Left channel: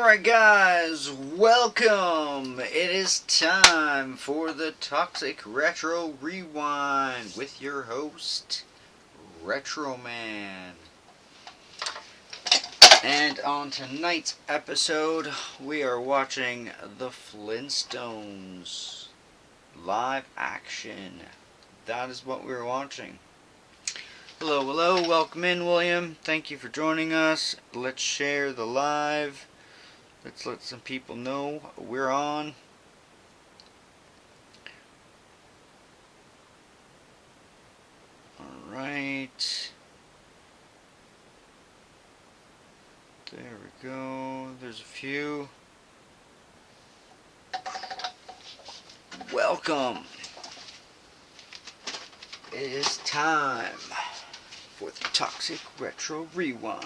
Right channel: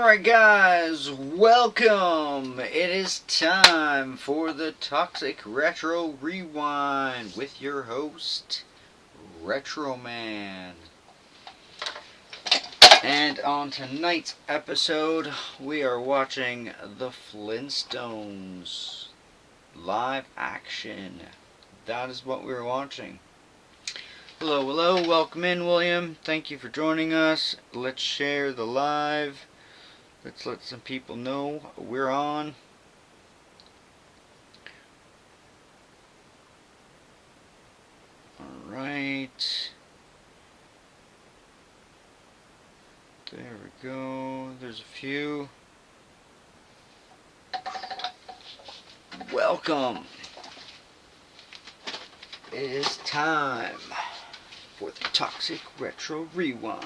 Alright guys, welcome! It is time for the Toxic Retro Rewind with your host, Retro Man. And on tonight's episode, we are watching The Flintstones live action. That is what we're watching. Hello, hello, welcome in, William. Thank you for joining us. Let's share the live. Let's let some people know we're on. Alright. There we go. There's a few. Welcome. It is time for the Toxic Retro Rewind.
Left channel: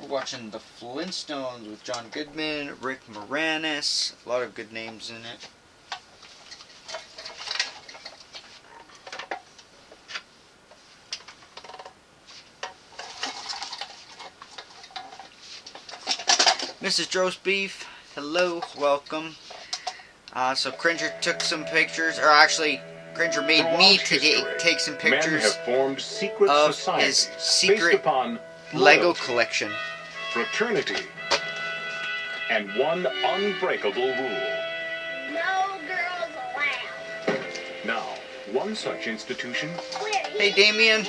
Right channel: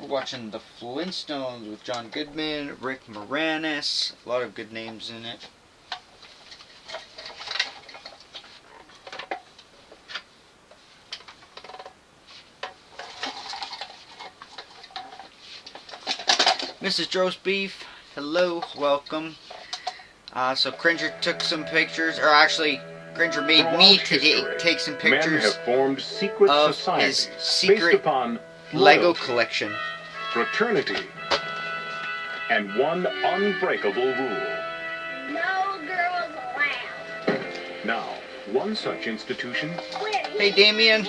We're watching The Flintstones with John Goodman, Rick Moranis, a lot of good names in it. Mrs. Roast Beef, hello, welcome. So Cringer took some pictures, or actually Cringer made me take some pictures. Men have formed secret of societies his secret based upon Lego loyalty, collection. fraternity, and one unbreakable rule. No girls allowed. Now, one such institution Hey Damien,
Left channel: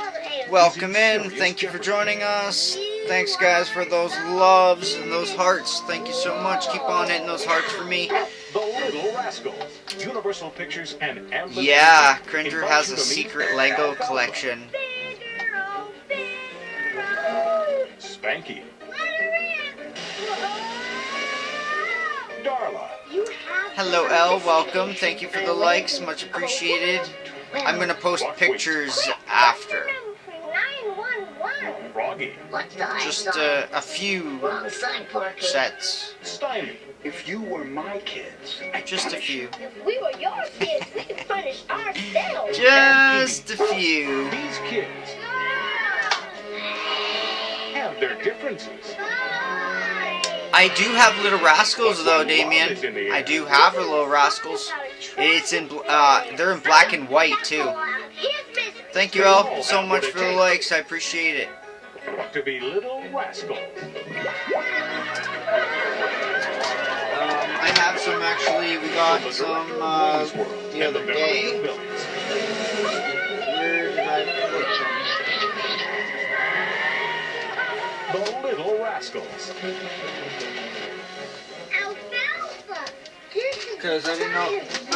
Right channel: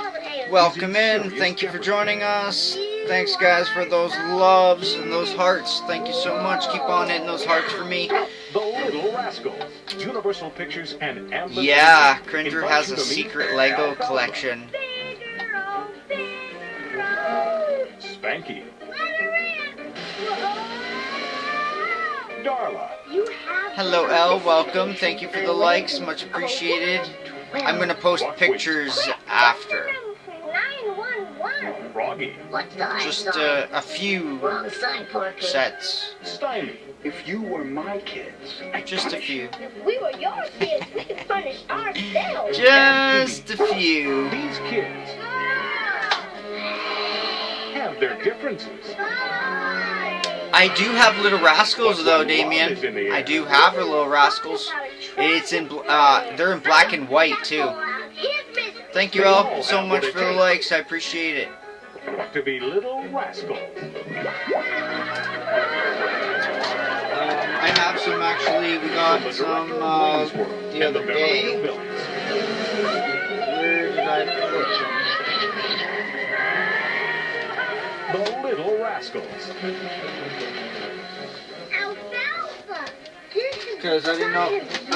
welcome in. Thank you for joining us. Thanks guys for those loves and those hearts. Thank you so much. Keep on hitting those hearts for me. The Little Rascals, Universal Pictures and Amblin. Yeah, Cringer has a secret Lego collection. Spanky, Darla, Hello Elle, welcome. Thank you for the likes, much appreciated. I'm gonna post pictures after. Froggy, Just a few sets. Stymie, If you were my kids, Just a few. If we were your kids, we could punish ourselves. Just a few. these kids have their differences. I do have Little Rascals though, Damien. I do have a Little Rascals. It's in they're in black and white too. Thank you all so much for the likes. I appreciate it. To be little rascals. I have some actually. We got some the other day. Where did I put them? The Little Rascals. Alfalfa. Because I don't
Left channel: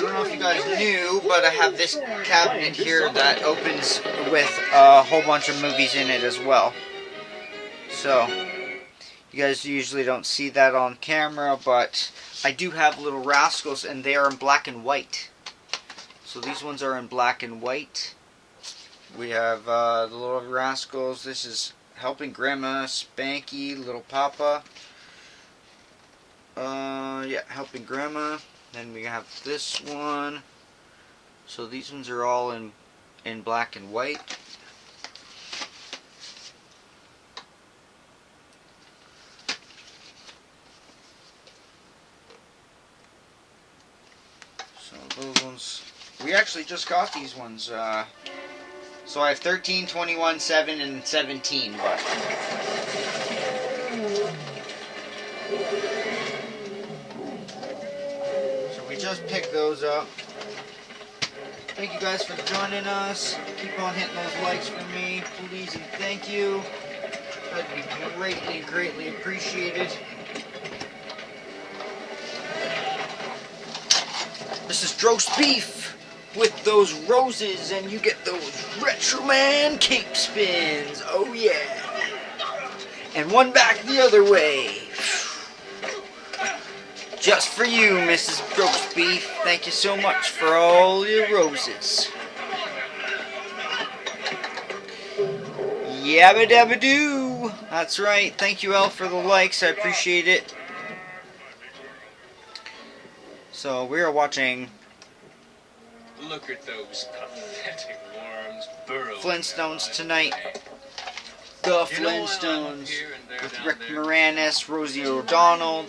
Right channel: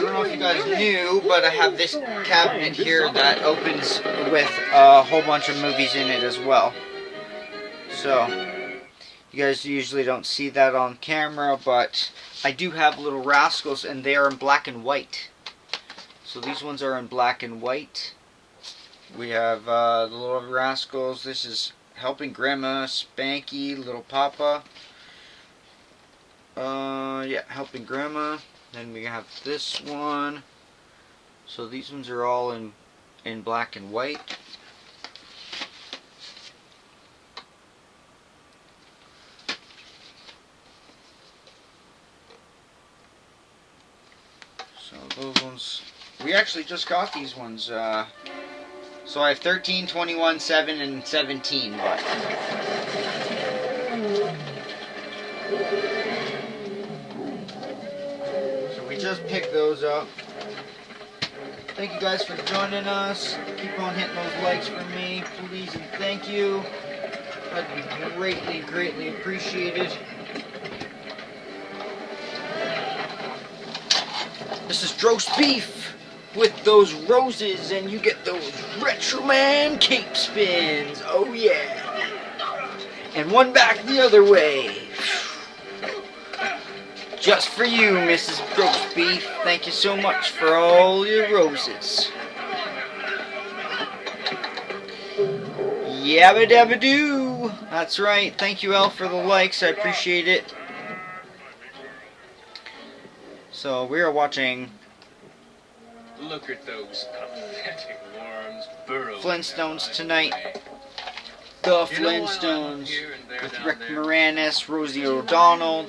know if you guys knew, but I have this cabinet here that opens with a whole bunch of movies in it as well. So, you guys usually don't see that on camera, but I do have Little Rascals, and they are in black and white. So these ones are in black and white. We have the Little Rascals. This is Helping Grandma, Spanky, Little Papa. Yeah, Helping Grandma. Then we have this one. So these ones are all in black and white. So those ones, we actually just got these ones. So I have 13, 21, 7, and 17, but so we just picked those up. Thank you guys for joining us. Keep on hitting those likes for me, please, and thank you. That'd be greatly, greatly appreciated. This is Roast Beef with those roses, and you get those Retro Man cape spins. Oh yeah. And one back the other way. Just for you, Mrs. Roast Beef. Thank you so much for all your roses. Yabba dabba doo. That's right. Thank you, Elle, for the likes. I appreciate it. So we are watching Look at those pathetic worms burrowing Flintstones tonight. The Flintstones with Rick Moranis, Rosie O'Donnell,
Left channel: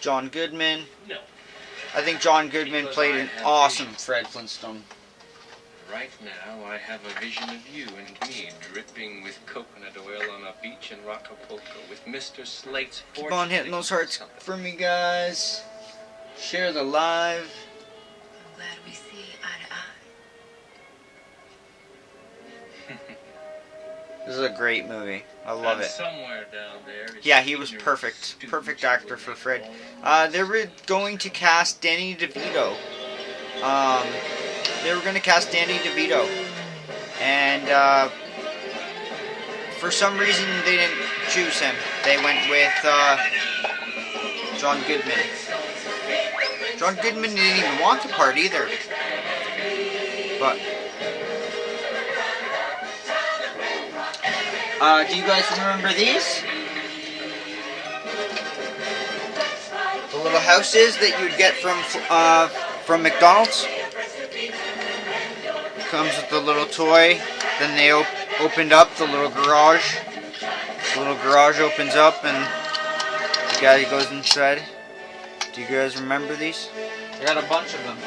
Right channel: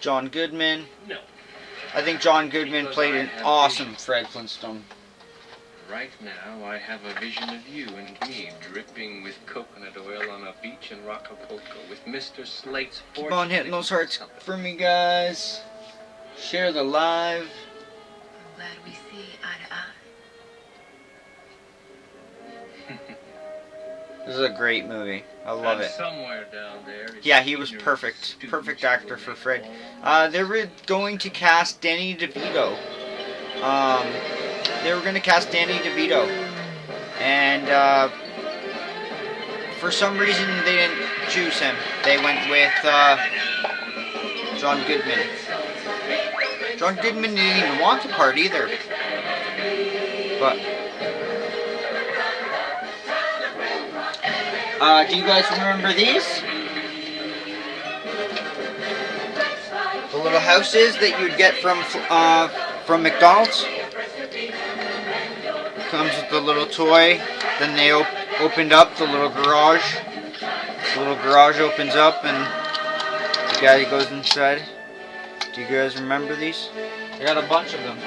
John Goodman. No. I think John Goodman played an awesome Fred Flintstone. Right now, I have a vision of you and me dripping with coconut oil on a beach in Acapulco with Mr. Slate's fortune. Keep on hitting those hearts for me, guys. Share the live. I'm glad we see eye to eye. This is a great movie. I love it. Somewhere down there is Yeah, he was perfect. Perfect actor for Fred. They were going to cast Danny DeVito. They were going to cast Danny DeVito. And for some reason they didn't choose him. They went with John Goodman. John Goodman didn't even want the part either. But do you guys remember these? The little houses that you'd get from McDonald's. Comes with the little toy. Then they opened up the little garage. The little garage opens up and the guy goes inside. Do you guys remember these? I got a bunch of them.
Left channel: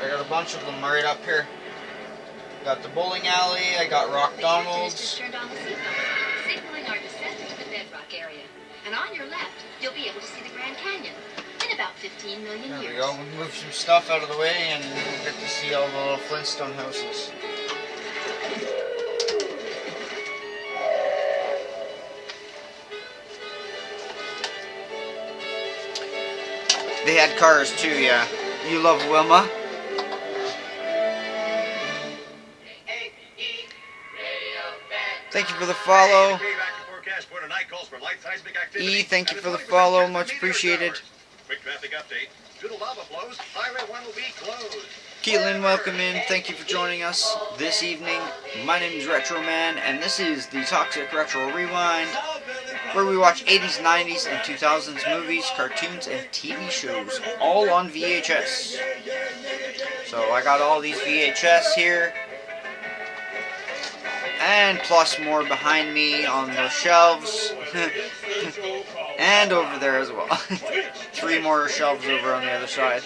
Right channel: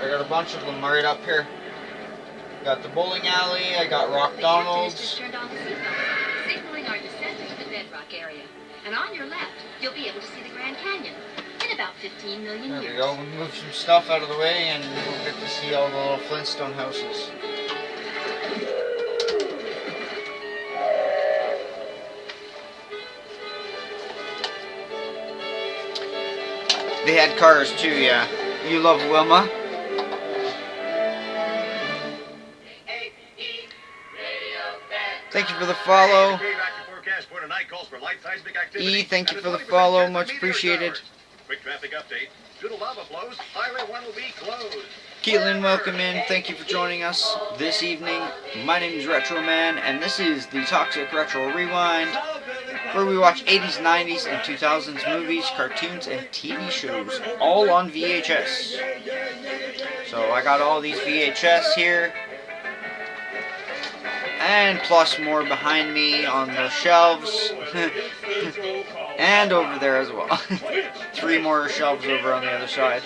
I got a bunch of them right up here. Got the bowling alley, I got Rock Donald's. Turned on the seatbelt, signaling our descent into the bedrock area. And on your left, you'll be able to see the Grand Canyon in about 15 million There years. we go, we'll move some stuff out of the way and we'll get to see all the little Flintstone houses. They had cars too, yeah. You love Wilma? Thank you for the follow. E, thank you for the follow. Much appreciated. Quick traffic update. Due to lava flows, Highway 1 will be closed. Keelan, welcome in. Thank you for joining us this evening. My name is Retro Man, and this is the Toxic Retro Rewind, where we watch 80s, 90s, and 2000s movies, cartoons, and TV shows, all on VHS. So I got all these VHS here, and plus more behind me on the shelves, and over there as well. 3 more shelves over on the other side.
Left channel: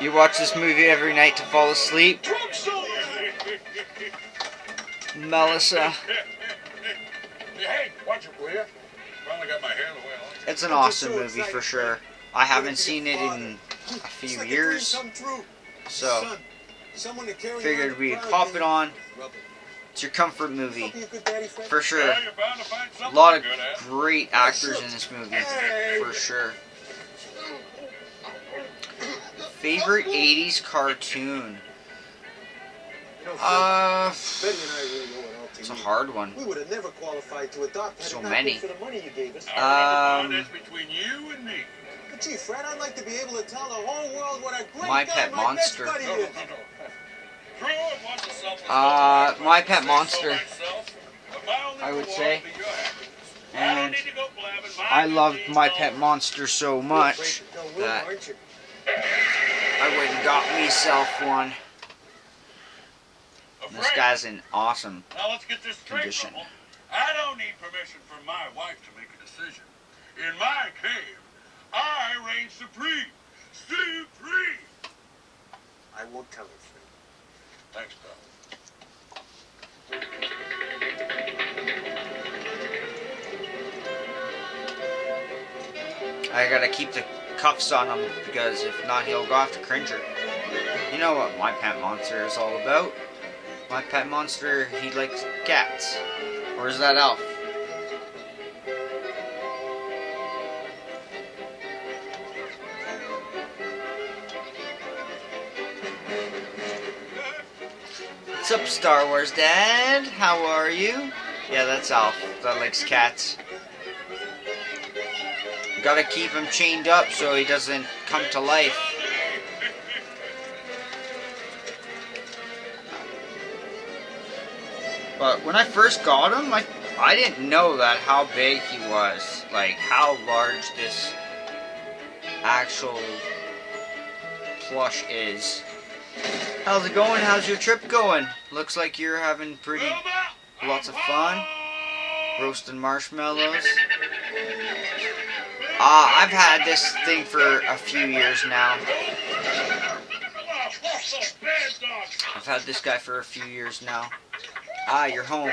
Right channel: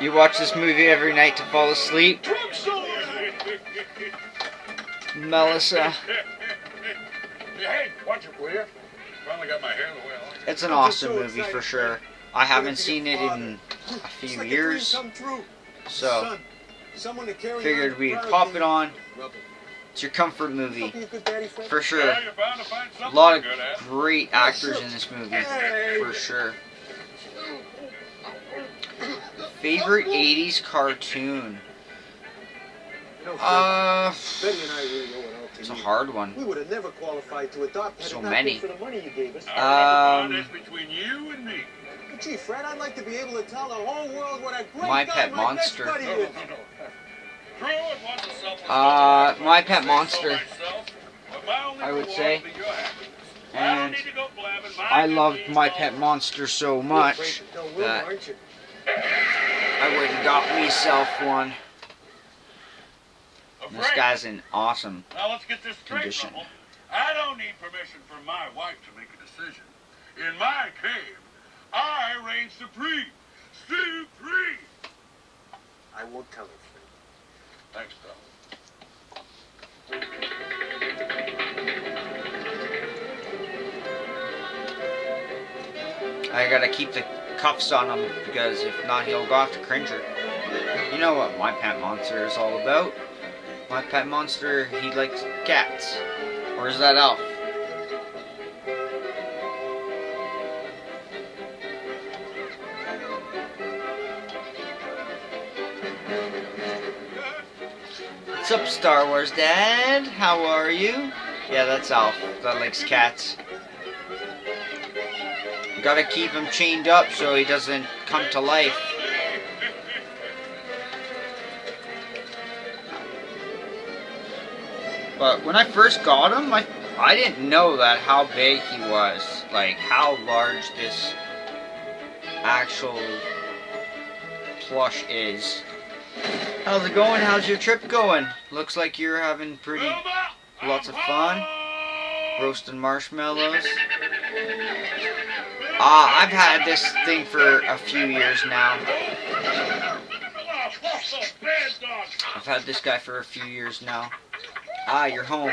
You watch this movie every night to fall asleep? Melissa. Hey, watch it, will you? Finally got my hair the way I like it. It's an awesome movie for sure. I haven't seen it in a few years, so figured we'd pop it on. It's your comfort movie, for sure. A lot of great actors in this movie, for sure. Favorite 80s cartoon? It's a hard one. We would have never qualified to adopt had So it not many. been for the money you gave us. That's between you and me. But gee, Fred, I'd like to be able to tell the whole world what a great My guy Pet my Monster. best buddy is. True, it was a selfless My Pet Monster, myself, but my only I would reward say. will be your happiness. I don't And need to go blabbing my I loved good My deeds Pet all Monster so You're much afraid to tell Wilma, that aren't you? I went and got myself one. over. This guy's in awesome Now let's get this straight, condition. Rebel. I don't need permission from my wife to make a decision. In my cave, I reign supreme. Supreme! I won't tell her, Fred. Thanks, pal. I gotta keep the cuffs on him because if not, he'll go off to Cringer. You know what My Pet Monster is all about? My Pet Monster, he likes cats. Or is that Elf? What's up, Star Wars Dad? How are you? Yeah, that's Alf. That likes cats. Gotta keep him chained up so he doesn't come to life. But when I first got him, I didn't know that how big he was. Like how large this actual plush is. How's it going? How's your trip going? Looks like you're having lots of fun. Roasting marshmallows. I've had this thing for a few years now. I've had this guy for a few years now. You're home.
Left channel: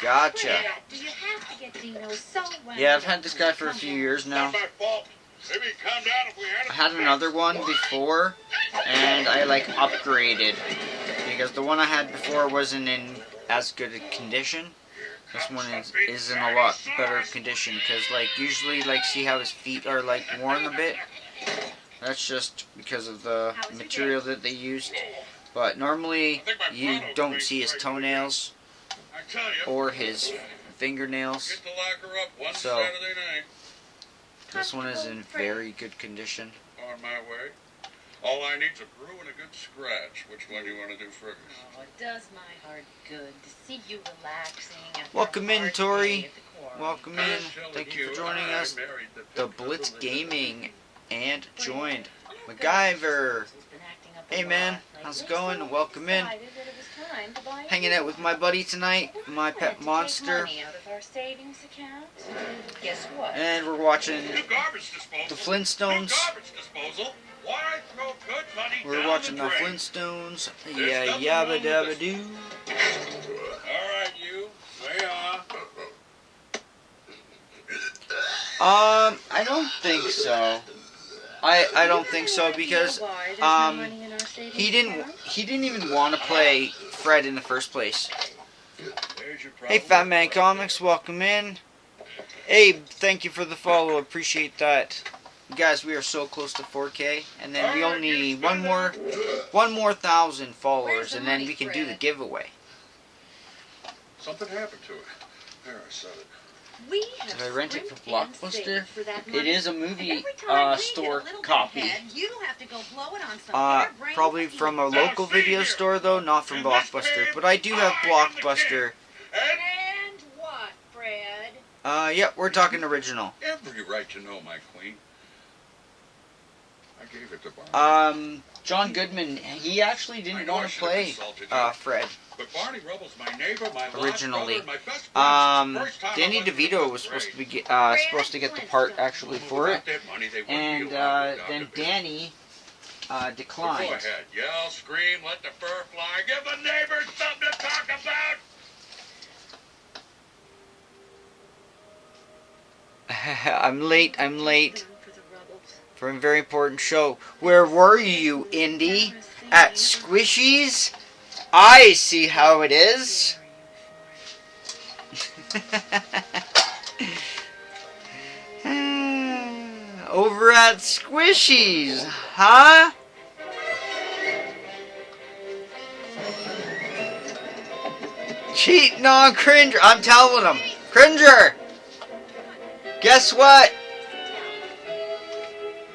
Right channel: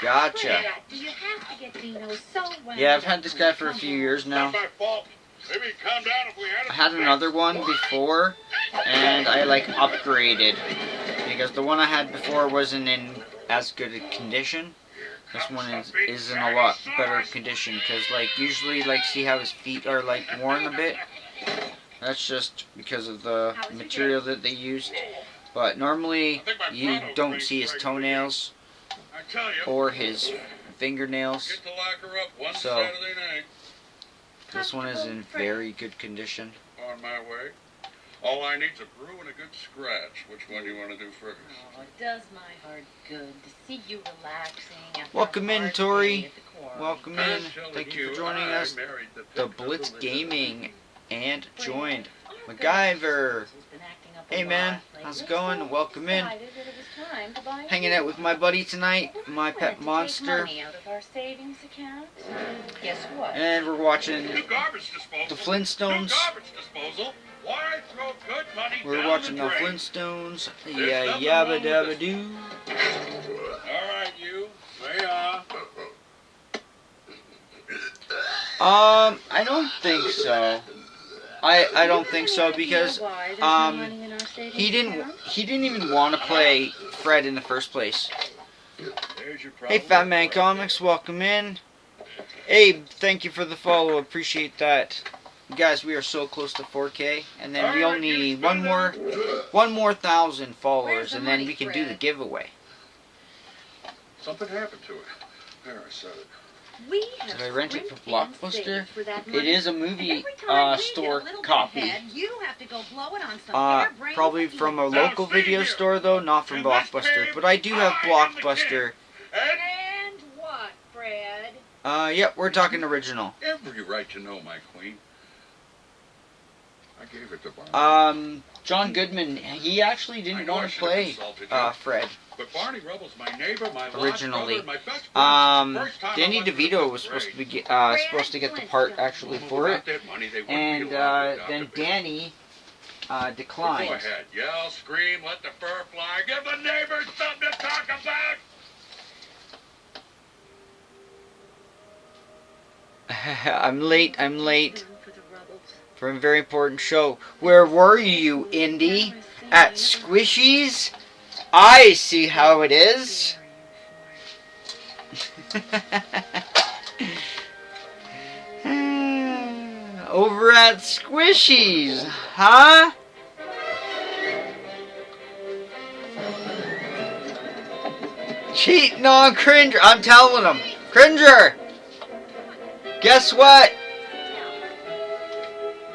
Gotcha. Yeah, I've had this guy for a few years now. I had another one before, and I like upgraded because the one I had before wasn't in as good a condition. This one is in a lot better condition because, like, usually, like, see how his feet are like worn a bit. That's just because of the material that they used. But normally you don't see his toenails or his fingernails. So this one is in very good condition. On my way. All I need's a brew and a good scratch. Which one do you want to do first? Oh, it does my heart good to see you relaxing after Welcome a in, hard Tori. day at the quarry. Welcome in. Thank you for joining us. The Blitz Gaming and joined MacGyver. Hey man, how's it going? Welcome in. Hanging out with my buddy tonight, my pet monster. Guess what? And we're watching New garbage disposal. the Flintstones. New garbage disposal. Why throw good money We're down watching the the drain? Flintstones. There's Yeah, nothing yabba wrong with dabba this. doo. All right, you. Say I don't think so. I don't think so because he didn't even want to play Fred in the first place. There's your Hey, Fat Man Comics, welcome in. Abe, thank you for the follow. Appreciate that. Guys, we are so close to 4K, and then we only need one more 1,000 followers, and then we can do the giveaway. Something happened to it. There, I said it. We have Did I rent it scrimped for and Blockbuster? saved for that It money. is a movie Every time we store get a little bit copy. ahead, you have to go blow it on some harebrained Probably scheme. from a local video store though, not from Blockbuster. But I do have Blockbuster. And what, Fred? Yep, we're talking original. Every right to know, my queen. I gave it to Barney. John Goodman, he actually I didn't know I want to should have play consulted you. Fred. But Barney Rubble's my neighbor, my Originally. lost brother, my best friend. First time I Danny went to the DeVito was fifth supposed to grade. be supposed to get the part actually for it, Without that money, they wouldn't and be allowed to then adopt a baby. Danny But go declined. ahead, yell, scream, let the fur fly, give the neighbors something to talk about. I'm late For the Rubbles. for a very important show. Where were you, Indy? At Squishies? I see how it is. Over at Squishies, huh? Cheating on Cringer. I'm telling him. Cringer! Guess what?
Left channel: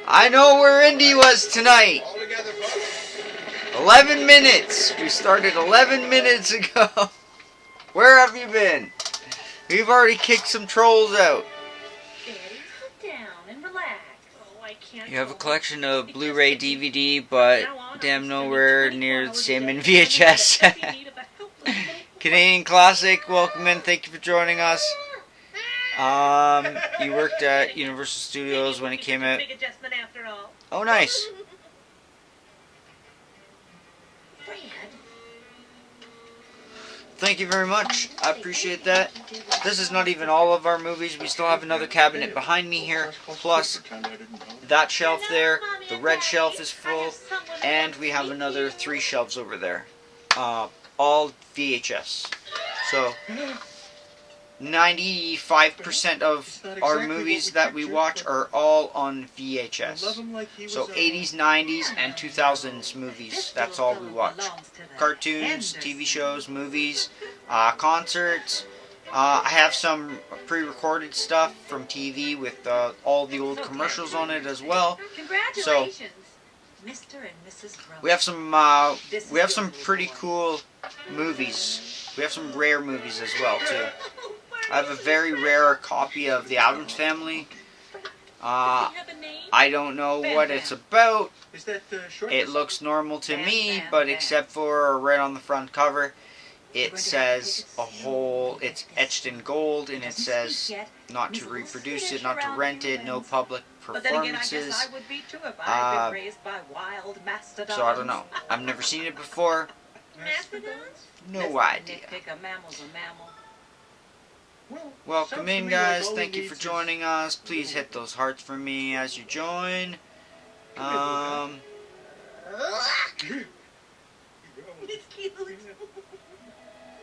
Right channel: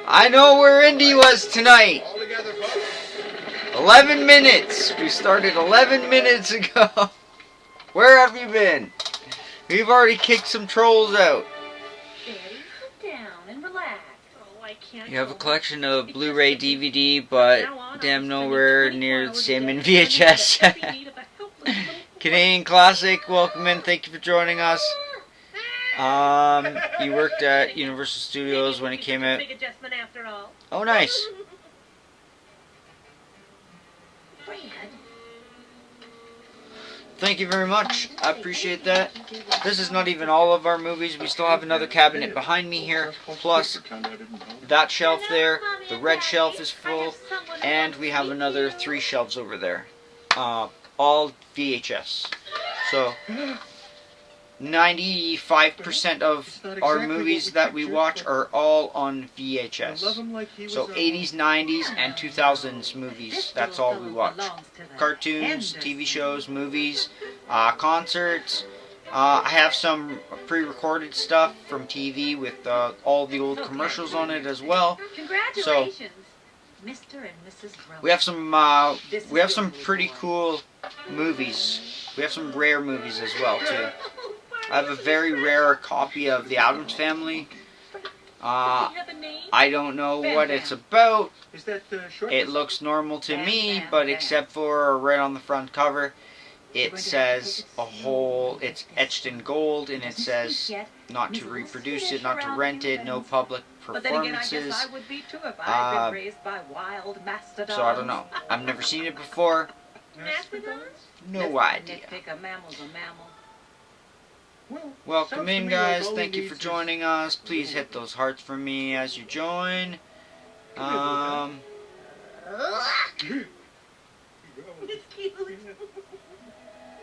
I know where Indy was tonight. All together, folks. 11 minutes. We started 11 minutes ago. Where have you been? We've already kicked some trolls out. Betty, sit down and relax. Oh, I can't. You have a go. collection of It's Blu-ray, just that we- DVD, but Now on, damn I'm nowhere spending near 24 the hours same a in day studying VHS. the every need of a helpless little boy. Canadian Classic, welcome in. Thank you for joining us. You worked at Universal Studios when it came out. Big adjustment after all. Oh, nice. Fred. Thank you very much. I appreciate that. This is not even all of our movies. We still have another cabinet behind me here. Plus, Pretend I didn't know. that shelf there. The red shelf is full. And we have another 3 shelves over there. All VHS. So, 95% of our movies that we watch are all on VHS. So 80s, 90s, and 2000s movies. That's all we watch. Cartoons, TV shows, movies, concerts. I have some pre-recorded stuff from TV with all the old commercials on it as well. Congratulations, Mr. and Mrs. Rubble. We have some pretty cool movies. We have some rare movies as well too. I have a very rare copy of The Addams Family. I don't know what it's about. Is that short? It looks normal to me, but except for right on the front cover, it says a whole, it's etched in gold, and it says not to reproduce it, not to rent it, no public performances. I would be too if I'd been raised by wild mastodons. So I don't know. I've never seen it before. Mastodons? No idea. Nitpick, a mammal's a mammal. Welcome in, guys. Thank you for joining us. Please hit those hearts for me as you join.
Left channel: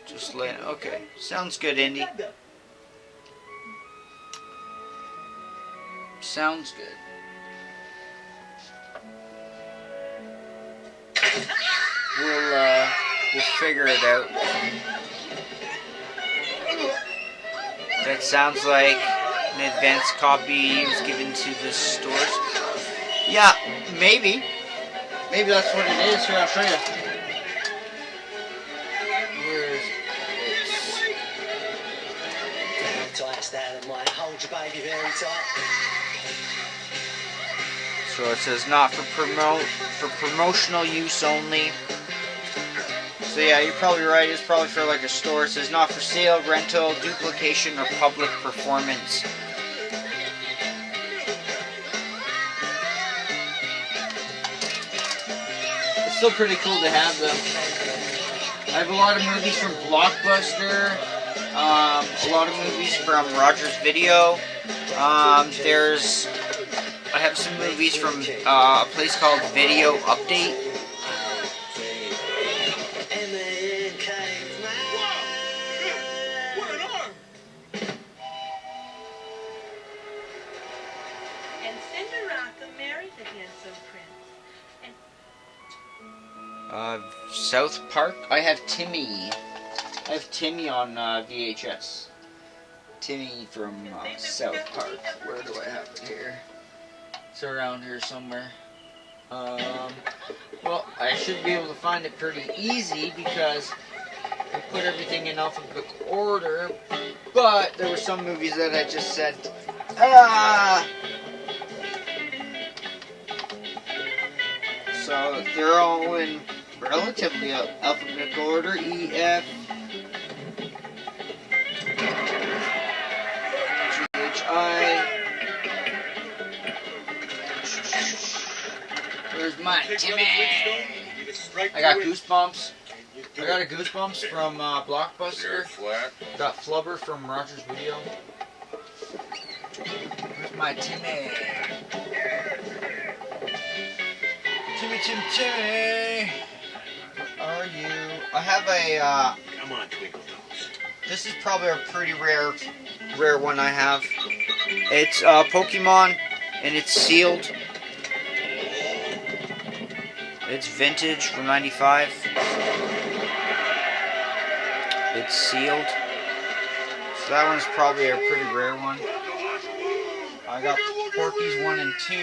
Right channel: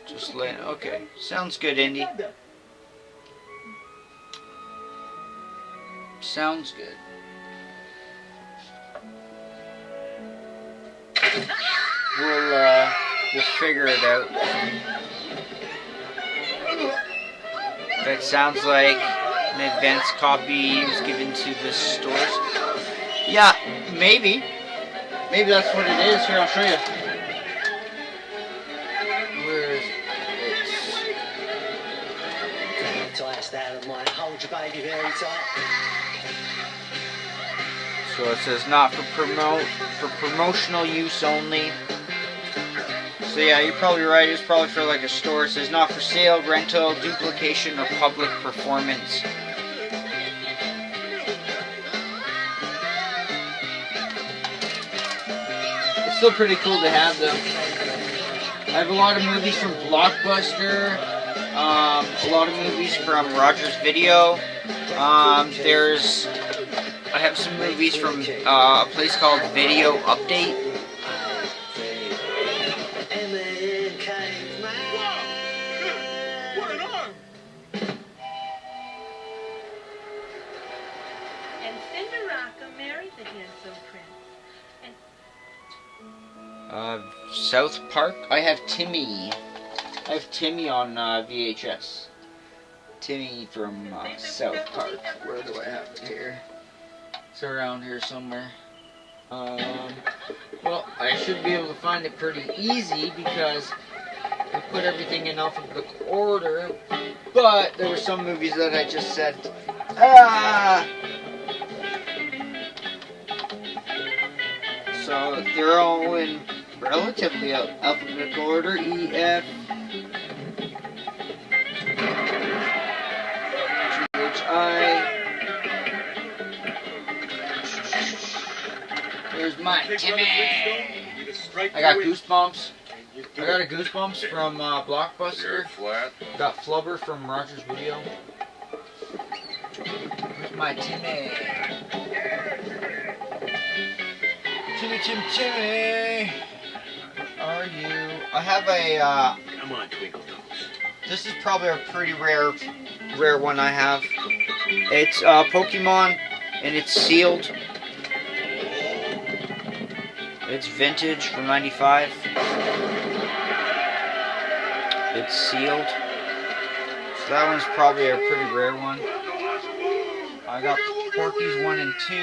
Just let. Okay, sounds good, Indy. Sounds good. We'll figure it out. That sounds like an advanced copy was given to the stores. Yeah, maybe. Maybe that's what it is. Here, I'll show you. Where is it? Tight that might hold your baby very tight. So it says not for promotional use only. So yeah, you're probably right. It's probably for like a store. It says not for sale, rental, duplication, or public performance. It's still pretty cool to have them. I have a lot of movies from Blockbuster. A lot of movies from Rogers Video. I have some movies from a place called Video Update. South Park. I have Timmy. I have Timmy on VHS. Timmy from South Park. Where do I have it here? It's around here somewhere. Well, I should be able to find it pretty easy because I put everything in alphabetical order. But there were some movies that I just said, So they're all in relatively alphabetical order. E, F, G, H, I. There's my Timmy. I got Goosebumps. I got a Goosebumps from Blockbuster. Got Flubber from Rogers Video. Where's my Timmy? Timmy. Are you? I have a. Come on, Twinkle Toes. This is probably a pretty rare one I have. It's Pokemon, and it's sealed. It's vintage from '95. It's sealed. So that one's probably a pretty rare one. I got Porky's 1 and 2.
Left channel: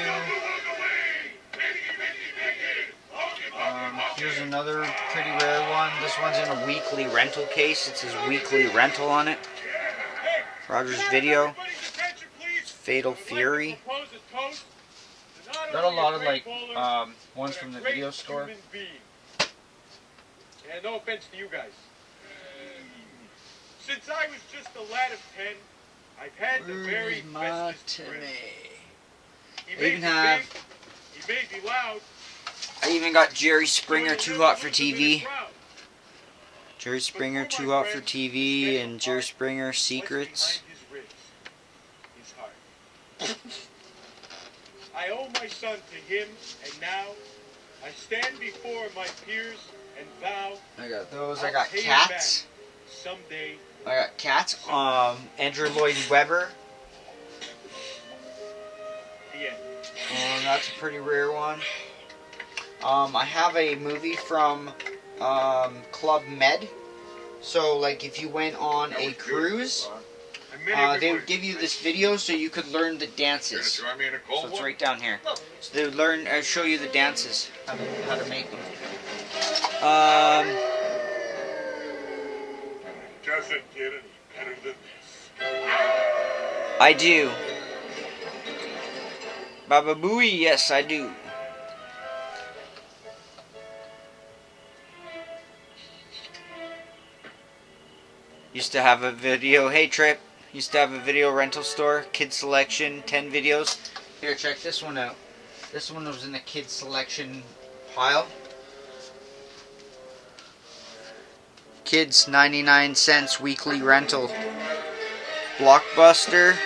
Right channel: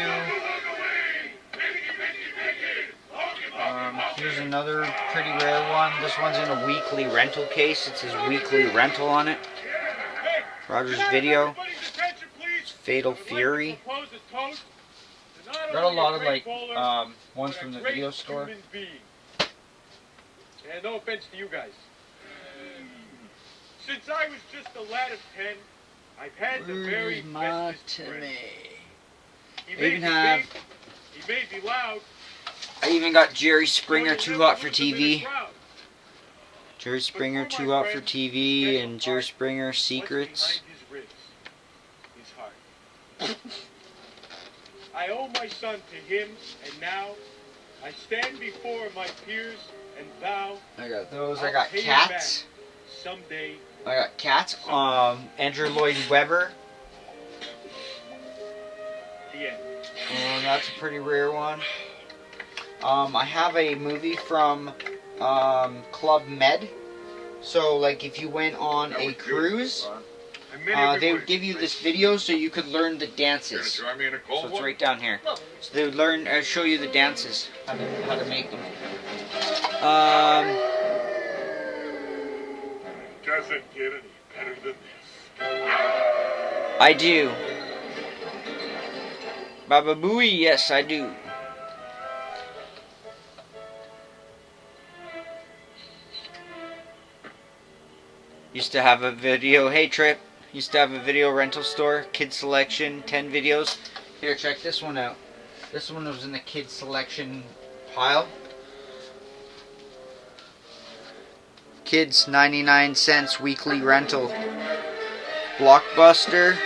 Here's another pretty rare one. This one's in a weekly rental case. It says weekly rental on it. Rogers Video. It's Fatal Fury. Got a lot of like ones from the video store. And no offense to you guys. Since I was just a lad of 10, I've had the very bestest friend. He made me big, he made me loud. I even got Jerry Springer Too Hot for TV. Jerry Springer Too Hot for TV and Jerry Springer Secrets. I owe my son to him, and now I stand before my peers and vow. I got those. I got Cats. Someday. I got Cats. Andrew Lloyd Webber. The end. That's a pretty rare one. I have a movie from Club Med. So, like, if you went on a cruise, they would give you this video so you could learn the dances. So it's right down here. So they would show you the dances, how to make them. Doesn't get any better than this. I do. Baba Booey, yes I do. Used to have a video, hey Trip, used to have a video rental store, kids selection, 10 videos. Here, check this one out. This one was in the kids selection pile. Kids, 99 cents weekly rental. Blockbuster,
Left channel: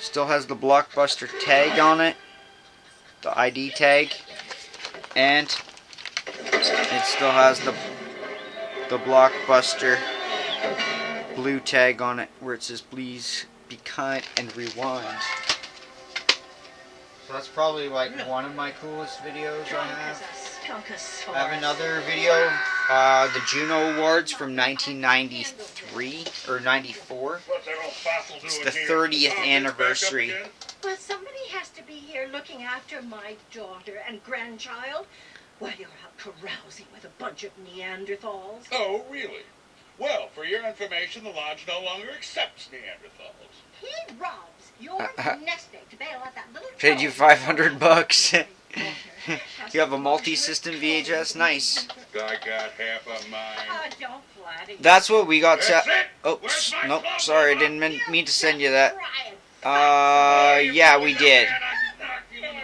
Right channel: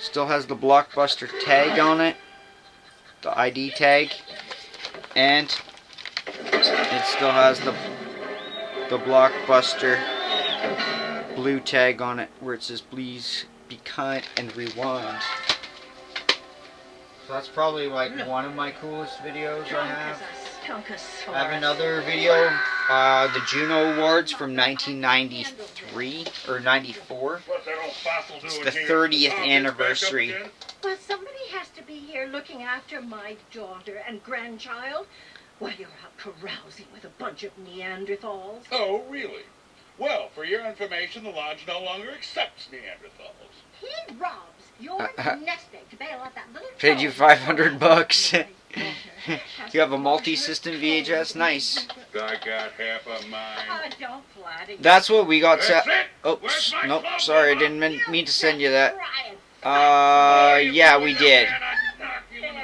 still has the Blockbuster tag on it, the ID tag, and it still has the Blockbuster blue tag on it where it says please be kind and rewind. So that's probably like one of my coolest videos I have. I have another video, the Juno Awards from 1993 or 94. It's the 30th anniversary. Well, somebody has to be here looking after my daughter and grandchild while you're out carousing with a bunch of Neanderthals. Oh, really? Well, for your information, the lodge no longer accepts Neanderthals. He robs your nest egg to bail out that little Paid you $500. You have a multi-system VHS, nice. I got half of mine. Don't flatter you. That's what we got That's set. it. Oh, Where's my nope, club sorry, I book? didn't mean to send you that. Try and Yeah, we did.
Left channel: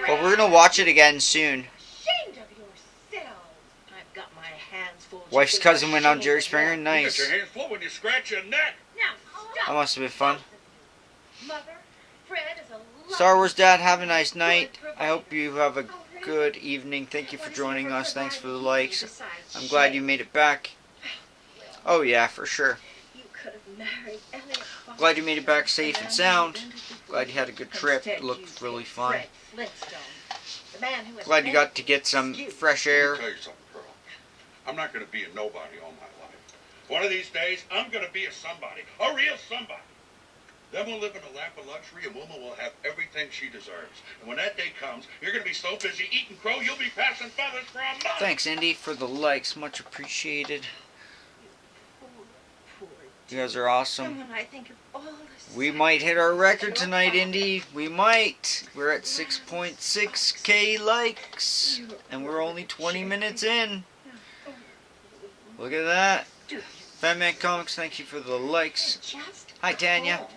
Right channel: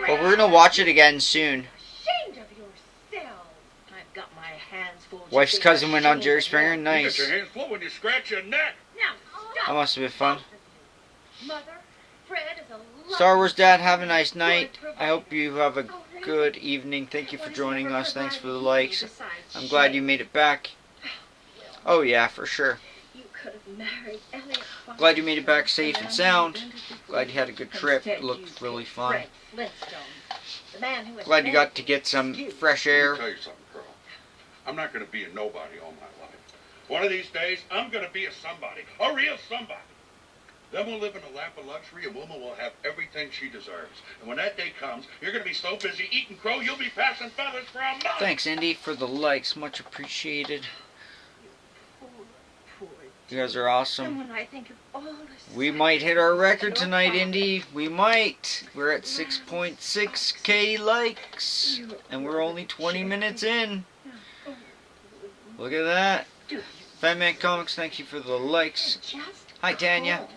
But we're gonna watch it again soon. ashamed of yourself. I've got my hands full. just Wife's being cousin went on ashamed Jerry of Springer, you. You nice. get your hands full when you scratch your neck. Now, That stop. must have been fun. Mother, Fred is a lovely Star Wars Dad, have a nice night. I hope you have a good evening. Thank you for joining us. Thanks for the likes. I'm glad you made it back. Oh yeah, for sure. You could have married Elliot. Glad you made it back safe and sound. Glad you had a good trip. It Instead, looked you really picked fun. Fred Flintstone, the man who was Glad you meant got to get some excuse. fresh Let air. me tell you something, Pearl. I'm not going to be a nobody all my life. One of these days, I'm going to be a somebody, a real somebody. Then we'll live in a lap of luxury, and Wilma will have everything she deserves. And when that day comes, you're going to be so busy eating crow, you'll be passing feathers for a month. Thanks, Indy, for the likes. Much appreciated. Poor You guys are And awesome. when I think of all the We might hit our record tonight, Indy. We might. We're at 6.6k likes. And we're only 20 minutes in. Look at that. Fatman Comics, thank you for the likes. Just Hi, Tanya.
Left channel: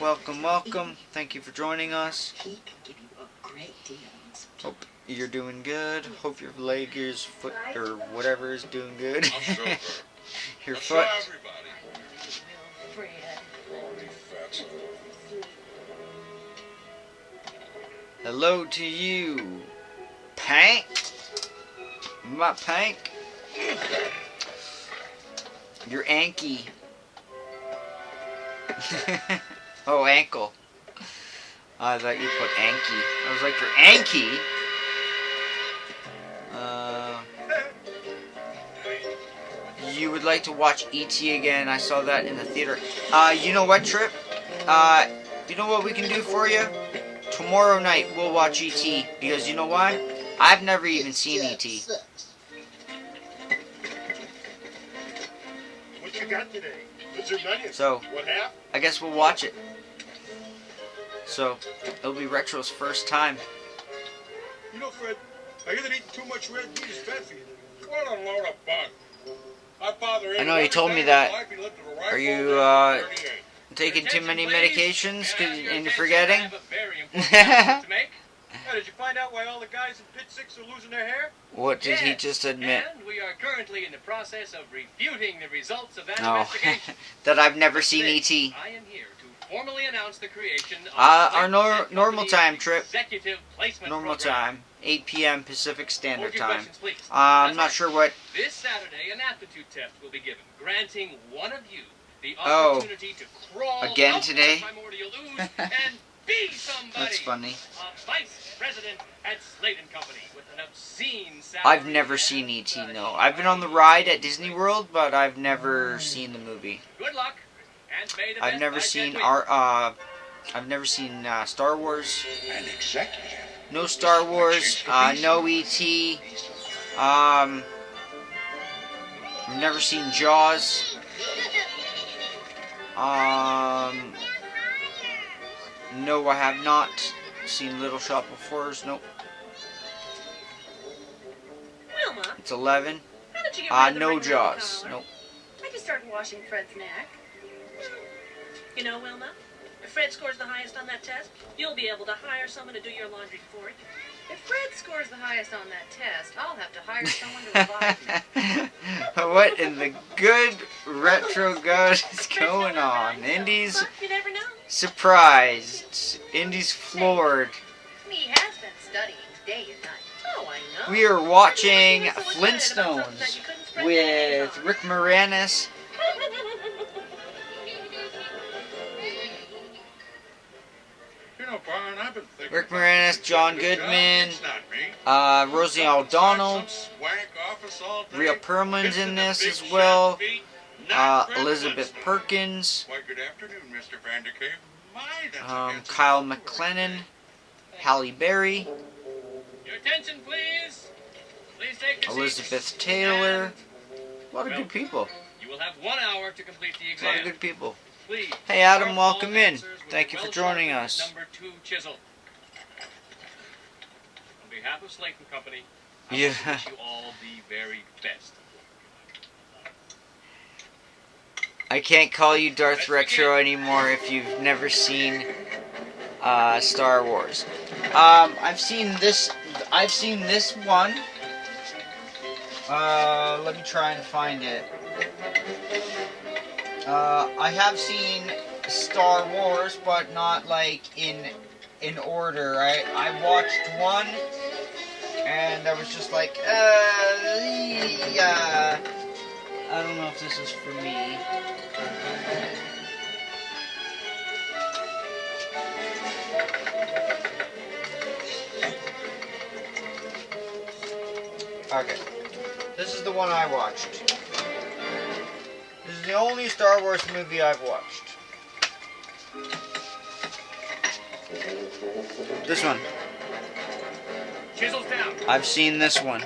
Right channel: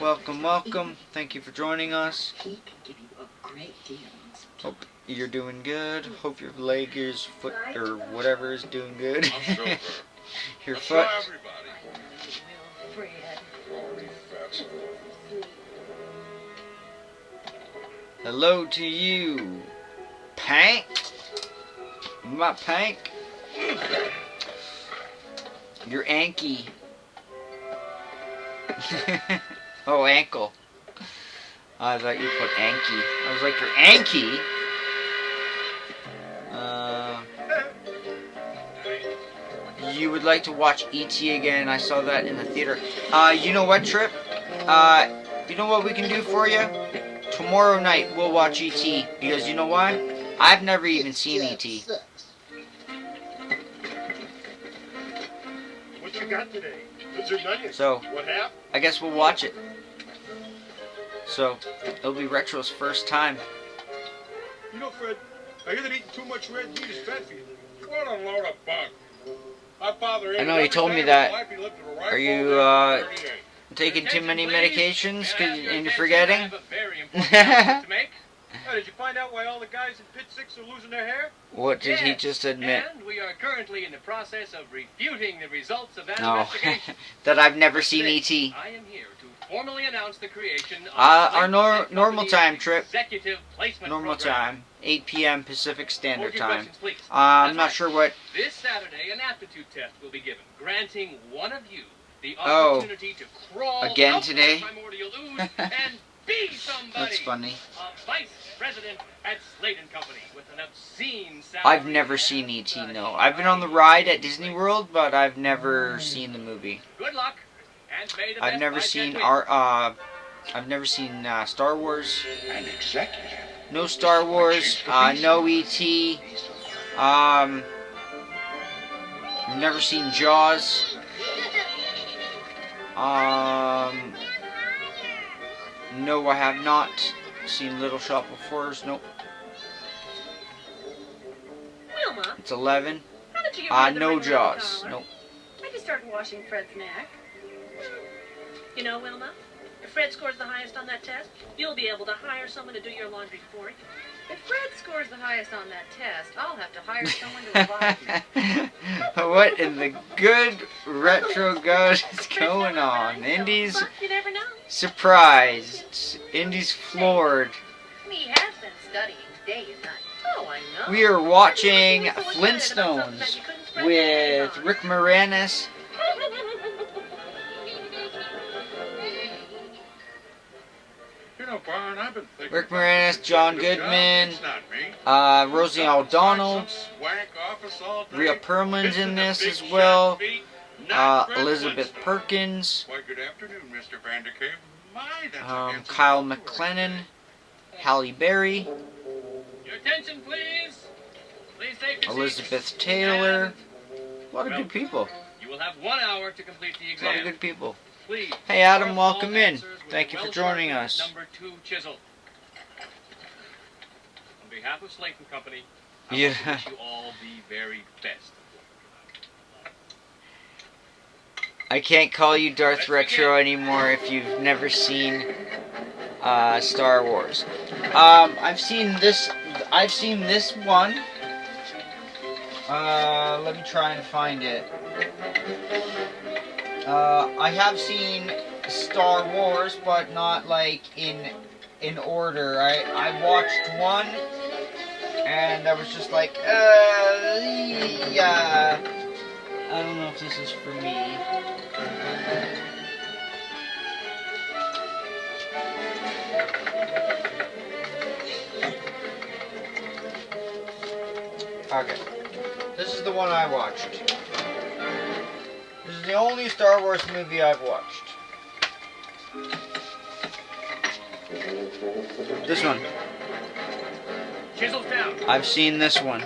Welcome, welcome. Thank you for joining us. he can give you a great deal on some Hope you're doing good. Hope your leg is foot or whatever is doing good. I'll show her. Your I'll show foot. everybody. will, Fred. Oh, you fat son of a- Hello to you, Pank. My Pank. Your Anky. Oh, ankle. I thought you put Anky. I was like, your Anky? You would like to watch E.T. again. I saw that in the theater. You know what, Trip? You know what we can do for you? Tomorrow night we'll watch E.T. Because you know why? I've never even seen E.T. What you got today? Lizard onions. So, What happened? I guess we'll watch it. So, it'll be Retro's first time. You know, Fred, I hear that eating too much red meat is bad for you. What a load of bunk. My father ate I know, it you every told day me of that. his life. He lived with a Are rifle you, and 38. taking too many Attention, medications please. and you're Attention, forgetting? I have a very important announcement to make. Did you find out why all the guys in Pit 6 are losing their hair? What did he Yes, just admit? And we are currently in the process of refuting the results of that No, investigation. that I've never seen Today, E.T. I am here to formally announce the creation of Our Slate and normal Company's time, Trip. Executive placement Normal program. time, 8 p.m. Pacific Standard Hold your Time. questions, please. I'm That's not right. sure what. This Saturday, an aptitude test will be given, granting one of you the Oh. opportunity to crawl Again out today? of the primordial ooze and be somebody. That's funny. A vice president at Slate and Company with an obscene salary. I've never seen E.T. No, I've been on the ride at Disney World, but I've never seen the movie. Good luck, and may the I've best never bycatch seen win. I've never seen Star Wars. An executive. No Star Wars. No E.T. I've never seen Jaws. No, I have not. seen Little Shop of Horrors? Nope. Wilma, It's 11. how did you get rid of the No ring around the Jaws. collar? Nope. I can start washing Fred's neck. You know, Wilma, if Fred scores the highest on that test, you'll be able to hire someone to do your laundry for you. If Fred scores the highest on that test, I'll have to hire someone to revive me. What in the good retro god is going on? Indy's But you never know. surprised. Indy's floored. He has been studying day and night. Oh, I know. We are watching Everybody's so excited about something that Flintstones you couldn't spread your hands with on. Rick Moranis. You know, Barn, I've been thinking Rick about Moranis, this John executive job. Goodman, It's not me. Rosie Up inside O'Donnell, some swank office all day, Rhea Perlman's kissing in the this big as well. shot feet, not Fred Elizabeth Flintstone. Perkins, Why, good afternoon, Mr. Vandercave. My, that's a handsome Kyle fellow you are. MacLennan, Halle Berry, Your attention, please. Please take your Elizabeth seats. Taylor. And A lot of good people. you will have 1 hour to complete the A lot of exam. good people. Please. Hey, Adam, mark welcome all in. answers with Thank the you for well-sharpened joining us. Number 2 chisel. On behalf of Slayton Company, I Yeah. want to wish you all the very best. I can't call you Darth Let's Retro begin. anymore if you've never seen Star Wars. I've seen this. I've seen this one. Let me try and find it. I have seen Star Wars, but not like in order. I watched one, and I was just like, yeah. I don't know if this is for me. Okay. This is the one I watched. This is the only Star Wars movie I've watched. This one. Chisels down. I've seen this one.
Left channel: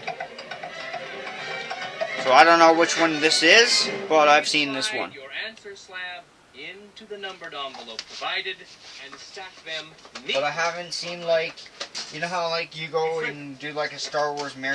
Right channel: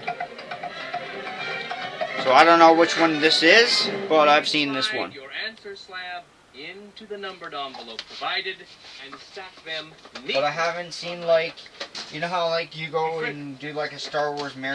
So I don't know which one this is, but I've seen this Slide one. your answer slab into the numbered envelope provided and stack them neatly. But I haven't seen, like, you know how like you go and do like a Star Wars marathon?